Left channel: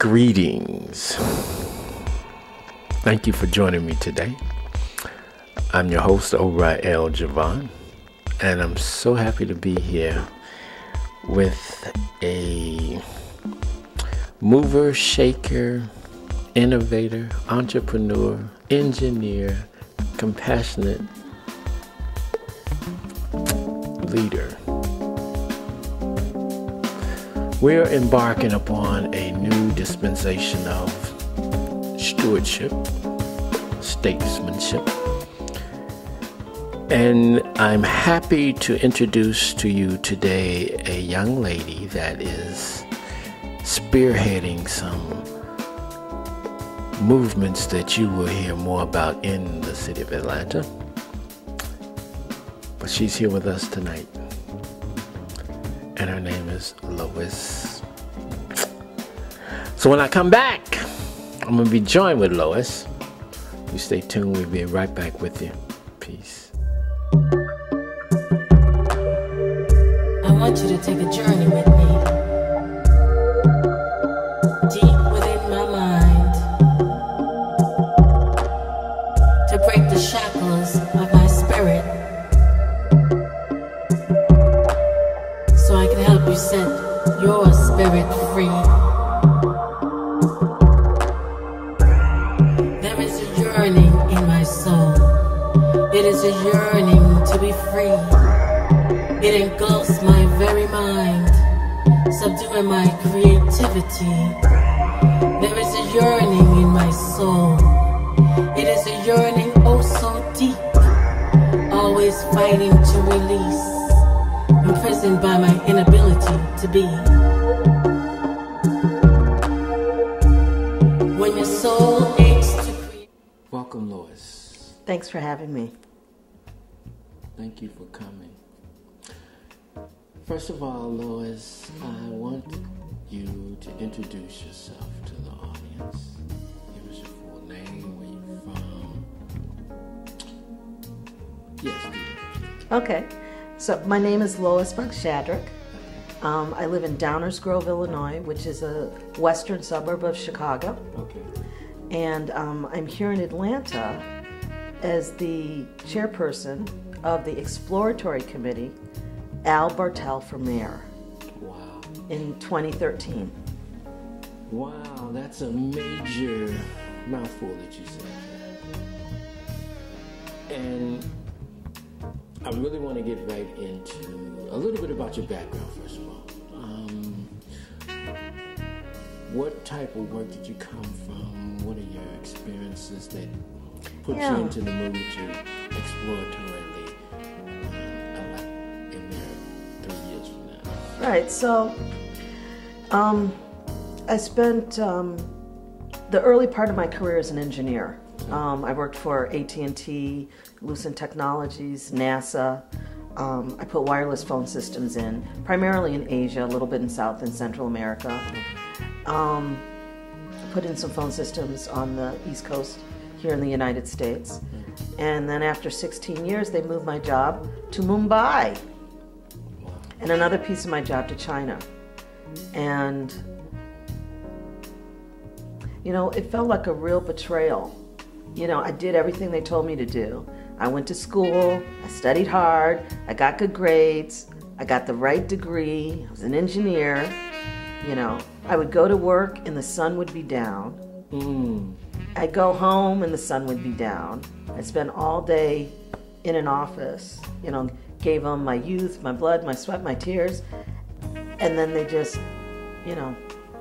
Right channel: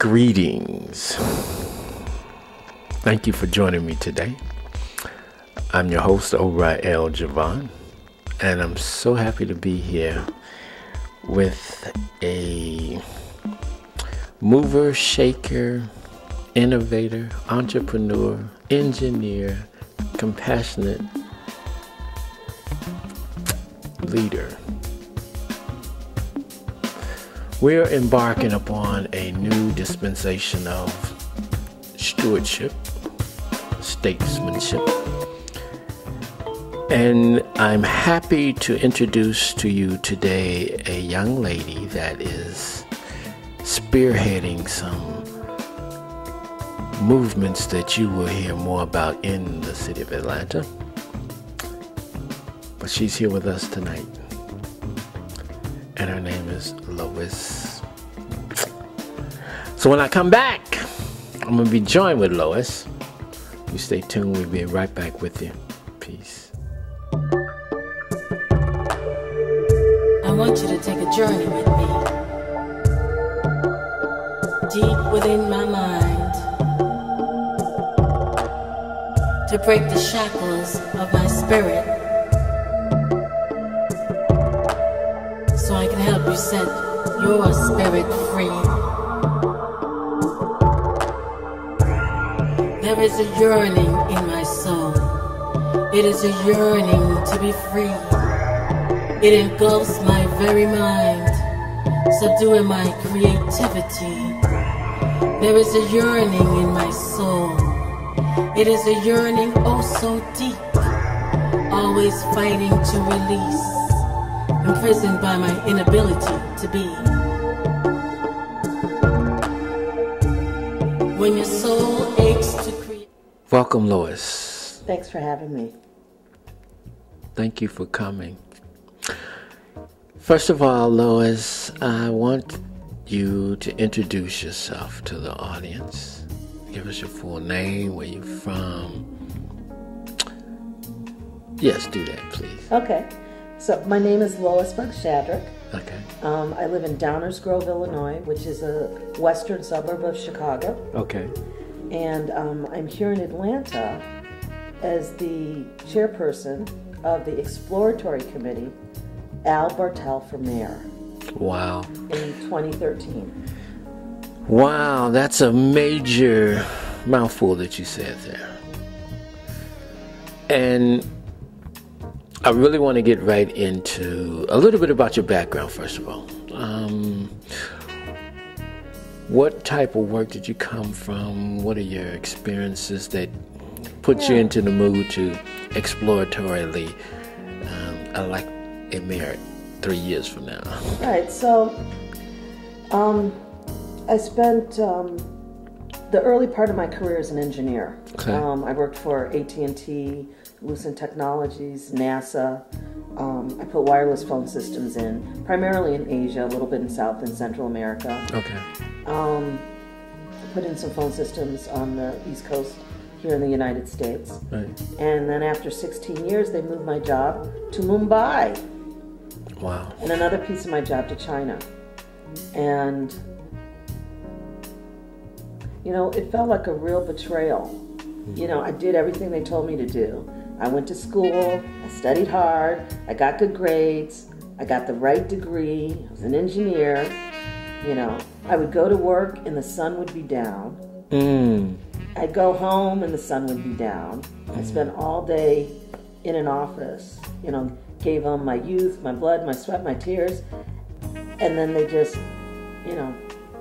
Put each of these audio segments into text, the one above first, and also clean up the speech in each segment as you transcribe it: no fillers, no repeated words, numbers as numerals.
Greetings. Thank you for joining me today. I'm your host, Ori L. Javon, and I'm so happy to be here with a mover, shaker, innovator, entrepreneur, engineer, compassionate leader. We're embarking upon a new dispensation of stewardship, statesmanship, and I'm happy to introduce to you today a young lady that is spearheading some movements that you will hear more about in the city of Atlanta. But she's here with us tonight, and her name is Lois. So when I come back, I'm going to be joined with Lois. You stay tuned. We'll be right back with you. Peace. I want you to take a journey with me, deep within my mind, to break the shackles of my spirit, so I can help you set your spirit free. There is a yearning in my soul. It is a yearning to be free. It engulfs my very mind, subduing my creativity. There is a yearning in my soul. It is a yearning oh so deep, always fighting to release, imprisoned by my inability to be. When your soul aches to create. Welcome, Lois. Thanks for having me. Thank you for coming. First of all, Lois, I want you to introduce yourself to the audience. Give us your full name, where you're from. Yes, do that, please. Okay. So my name is Lois Bugg Shadrick. Okay. I live in Downers Grove, Illinois, which is a western suburb of Chicago. Okay. And I'm here in Atlanta as the chairperson of the exploratory committee, Al Bertell for mayor. Wow. In 2013. Wow, that's a major mouthful that you said there. And I really want to get right into a little bit about your background, first of all. What type of work did you come from? What are your experiences that put you into the mood to exploratorily elect a mayor 3 years from now? Right, so I spent the early part of my career as an engineer. Okay. I worked for AT&T, Lucent Technologies, NASA. I put wireless phone systems in, primarily in Asia, a little bit in South and Central America. Okay. Put in some phone systems on the East Coast here in the United States. Right. And then after 16 years, they moved my job to Mumbai. Wow. And another piece of my job to China. And, you know, it felt like a real betrayal. You know, I did everything they told me to do. I went to school, I studied hard, I got good grades, I got the right degree, I was an engineer. You know, I would go to work and the sun would be down. I'd go home and the sun would be down. I spent all day in an office, you know, gave them my youth, my blood, my sweat, my tears, and then they just, you know,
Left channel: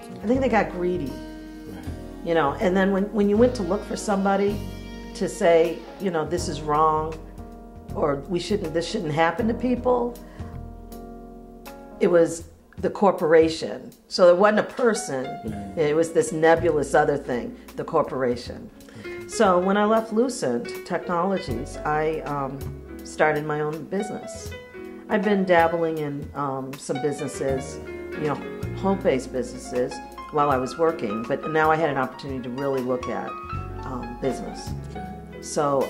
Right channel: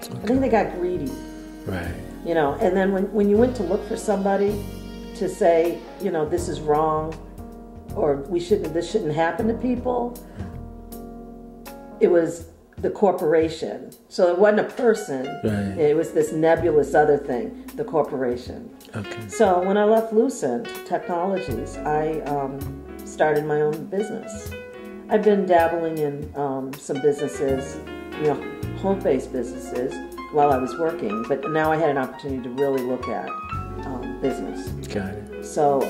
I think they got greedy. Right. You know, and then when you went to look for somebody to say, you know, this is wrong, or this shouldn't happen to people, it was the corporation. So it wasn't a person. Right. It was this nebulous other thing, the corporation. Okay. So when I left Lucent Technologies, I started my own business. I've been dabbling in some businesses, you know, home-based businesses while I was working, but now I had an opportunity to really look at business. Got it. So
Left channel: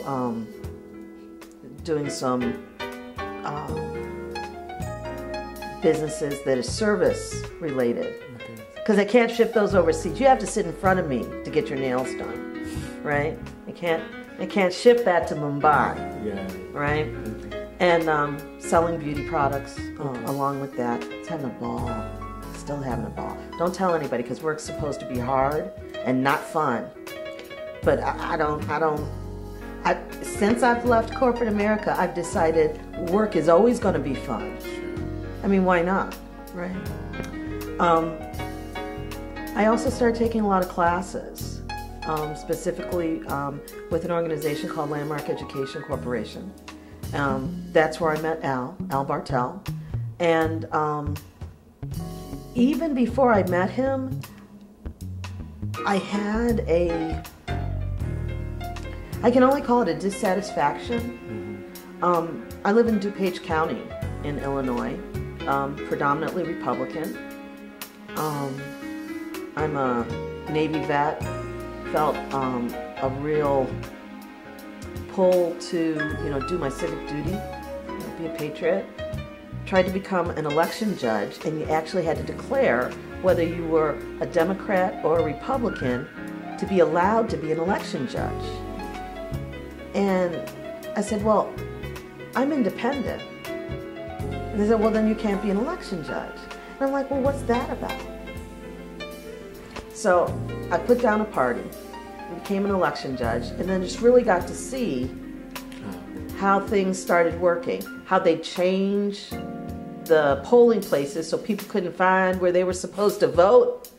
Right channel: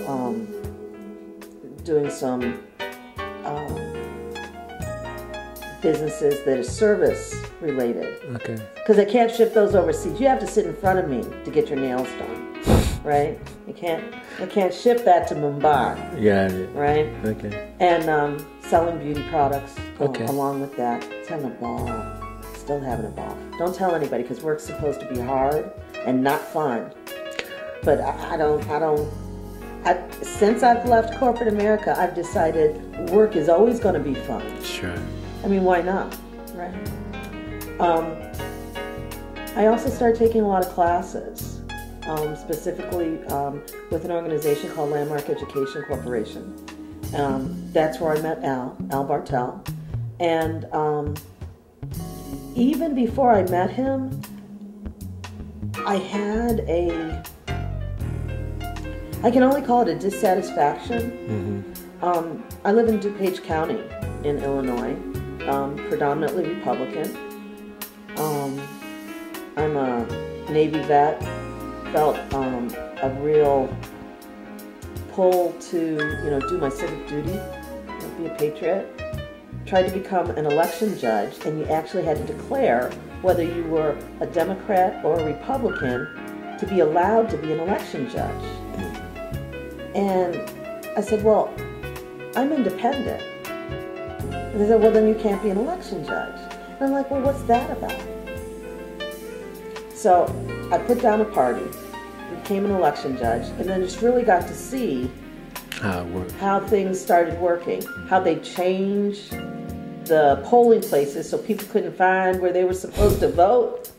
doing some businesses that are service related. Okay. Because I can't ship those overseas. You have to sit in front of me to get your nails done, right? I can't ship that to Mumbai. Got it. Right? Okay. And selling beauty products Okay. along with that. It's having a ball. Still having a ball. Don't tell anybody because work's supposed to be hard and not fun. But since I've left corporate America, I've decided work is always going to be fun. Sure. I mean, why not, right? I also started taking a lot of classes, specifically with an organization called Landmark Education Corporation. That's where I met Al Bertell. And even before I met him, I had I can only call it a dissatisfaction. I live in DuPage County in Illinois, predominantly Republican. I'm a Navy vet, felt a real pull to, do my civic duty, be a patriot. Tried to become an election judge, and you actually had to declare whether you were a Democrat or a Republican to be allowed to be an election judge. And I said, well, I'm independent. And they said, well, then you can't be an election judge. And I'm like, well, what's that about? So I put down a party, became an election judge, and then just really got to see how things started working, how they changed the polling places so people couldn't find where they were supposed to vote.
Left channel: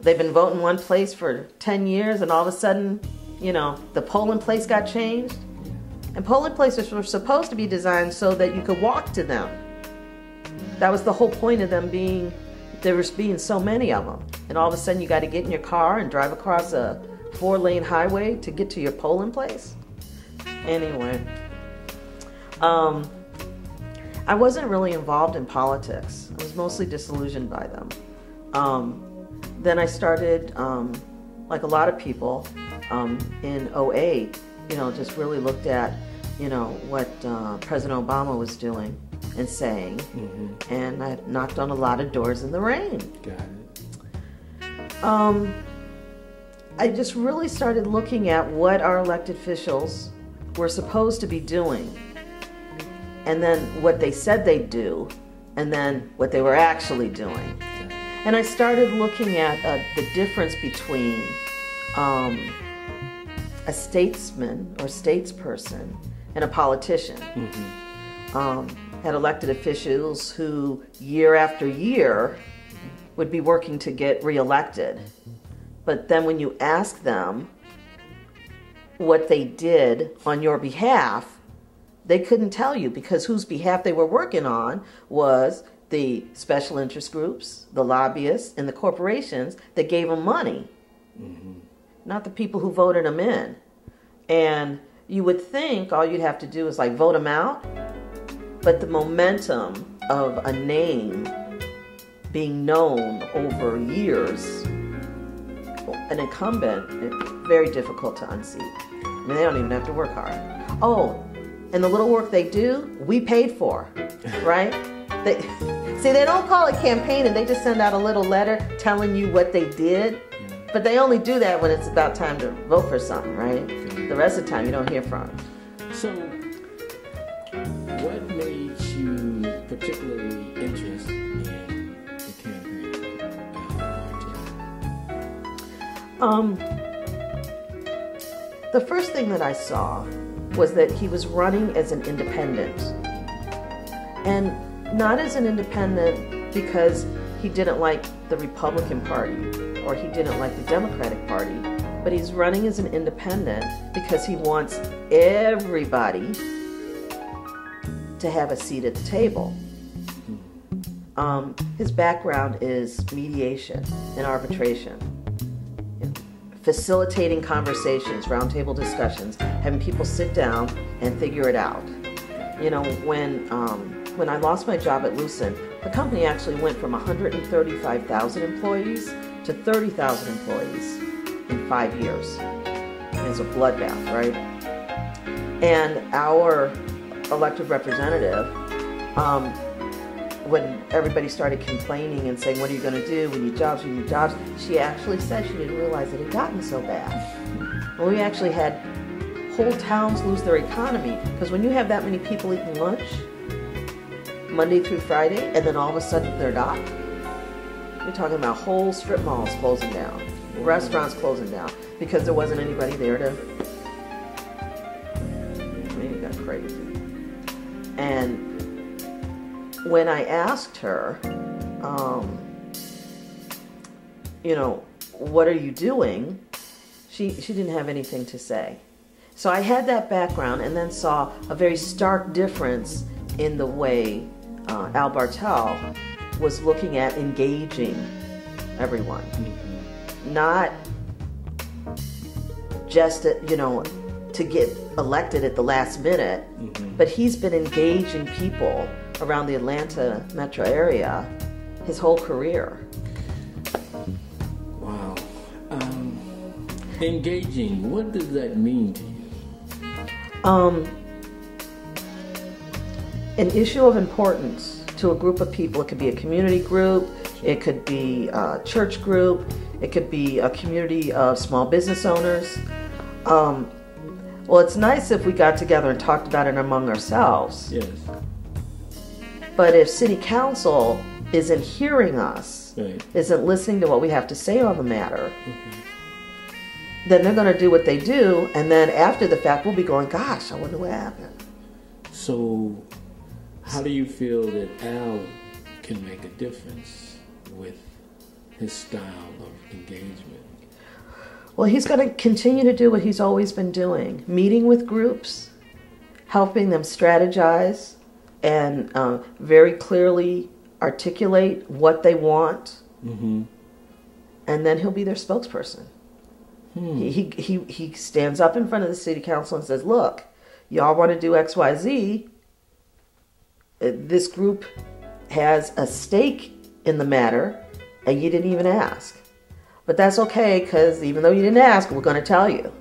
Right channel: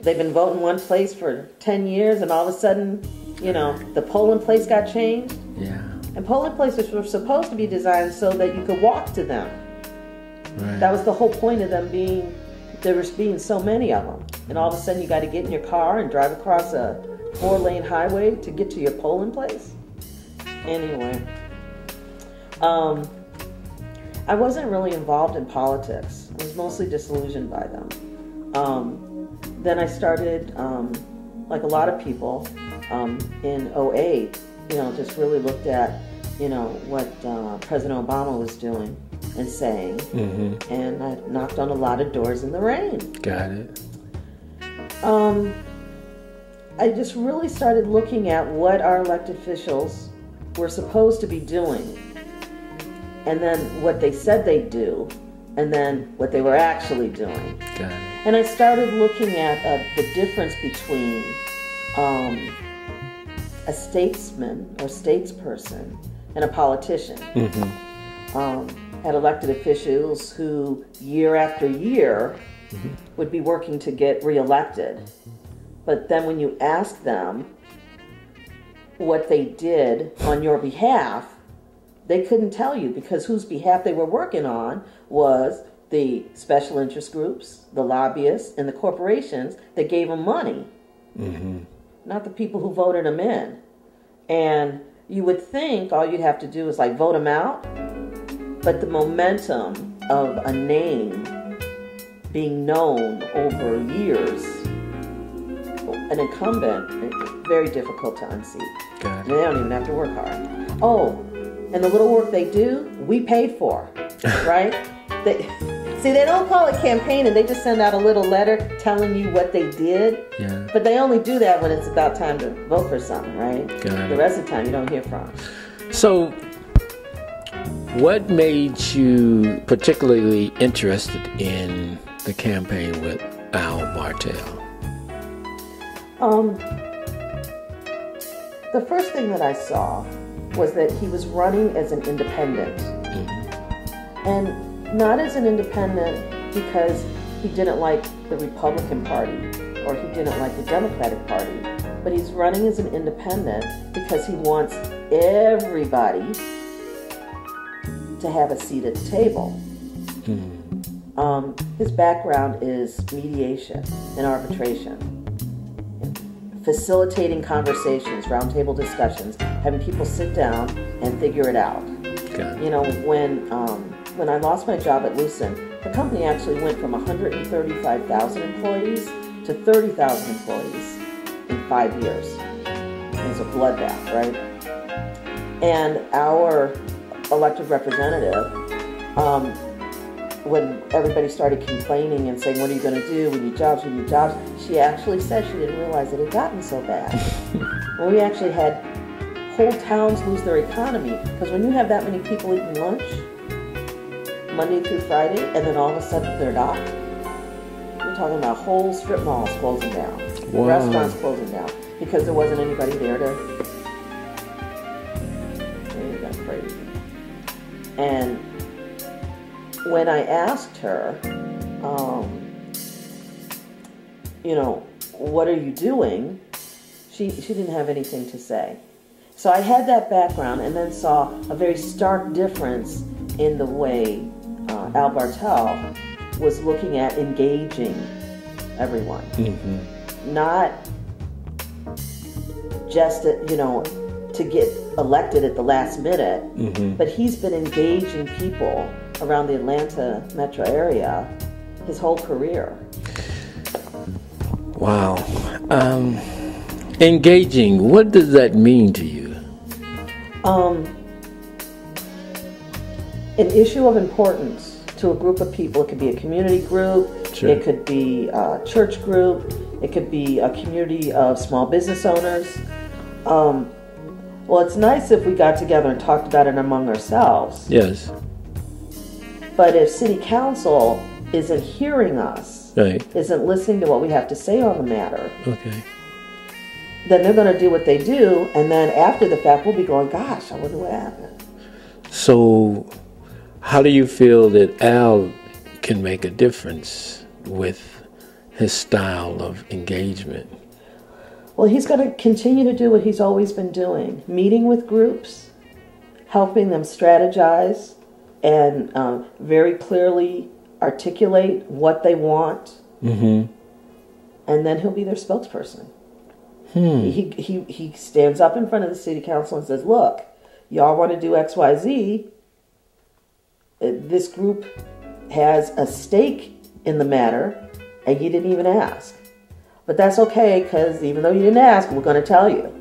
They've been voting one place for 10 years, and all of a sudden, the polling place got changed. Yeah. And polling places were supposed to be designed so that you could walk to them. Right. That was the whole point of them being, there was being so many of them. And all of a sudden you got to get in your car and drive across a 4-lane highway to get to your polling place. Anyway, I wasn't really involved in politics. I was mostly disillusioned by them. Then I started, like a lot of people, in 2008, just really looked at, what President Obama was doing and saying. And I knocked on a lot of doors in the rain. Got it. I just really started looking at what our elected officials were supposed to be doing, and then what they said they'd do, and then what they were actually doing. Got it. And I started looking at the difference between a statesman or statesperson and a politician. Had elected officials who year after year would be working to get reelected. But then when you ask them what they did on your behalf, they couldn't tell you, because whose behalf they were working on was the special interest groups, the lobbyists, and the corporations that gave them money. Not the people who voted them in. And you would think all you'd have to do is vote them out, but the momentum of a name being known over years, an incumbent, very difficult to unseat. Got it. They don't even have to work hard. Oh, and the little work they do, we paid for, right? They don't call it campaigning. They just send out a little letter telling you what they did. Yeah. But they only do that when it's about time to vote for something, right? Got it. The rest of the time, you don't hear from them. So, what made you particularly interested in the campaign with Al Bertell? The first thing that I saw was that he was running as an independent. And not as an independent because he didn't like the Republican Party or he didn't like the Democratic Party, but he's running as an independent because he wants everybody to have a seat at the table. His background is mediation and arbitration, facilitating conversations, roundtable discussions, having people sit down and figure it out. When I lost my job at Lucent, the company actually went from 135,000 employees to 30,000 employees in 5 years. It's a bloodbath, right? And our elected representative when everybody started complaining and saying, what are you going to do? We need jobs, we need jobs. She actually said she didn't realize it had gotten so bad. And we actually had whole towns lose their economy, because when you have that many people eating lunch Monday through Friday, and then all of a sudden they're not, we're talking about whole strip malls closing down, wow. restaurants closing down, because there wasn't anybody there to, that's crazy. And when I asked her, you know, what are you doing? She didn't have anything to say. So I had that background, and then saw a very stark difference in the way Al Bertell was looking at engaging everyone. Mm-hmm. Not just, you know, to get elected at the last minute, mm-hmm. but he's been engaging people around the Atlanta metro area his whole career. Wow. Engaging, what does that mean to you? An issue of importance to a group of people. It could be a community group, sure. It could be a church group, it could be a community of small business owners. Well, it's nice if we got together and talked about it among ourselves. Yes. But if city council isn't hearing us, right. isn't listening to what we have to say on the matter, okay. then they're going to do what they do, and then after the fact, we'll be going, gosh, I wonder what happened. So, how do you feel that Al can make a difference with his style of engagement? Well, he's going to continue to do what he's always been doing, meeting with groups, helping them strategize, and very clearly articulate what they want, mm-hmm. and then he'll be their spokesperson. He stands up in front of the city council and says, look, y'all want to do X, Y, Z. This group has a stake in the matter, and you didn't even ask. But that's okay, because even though you didn't ask, we're going to tell you.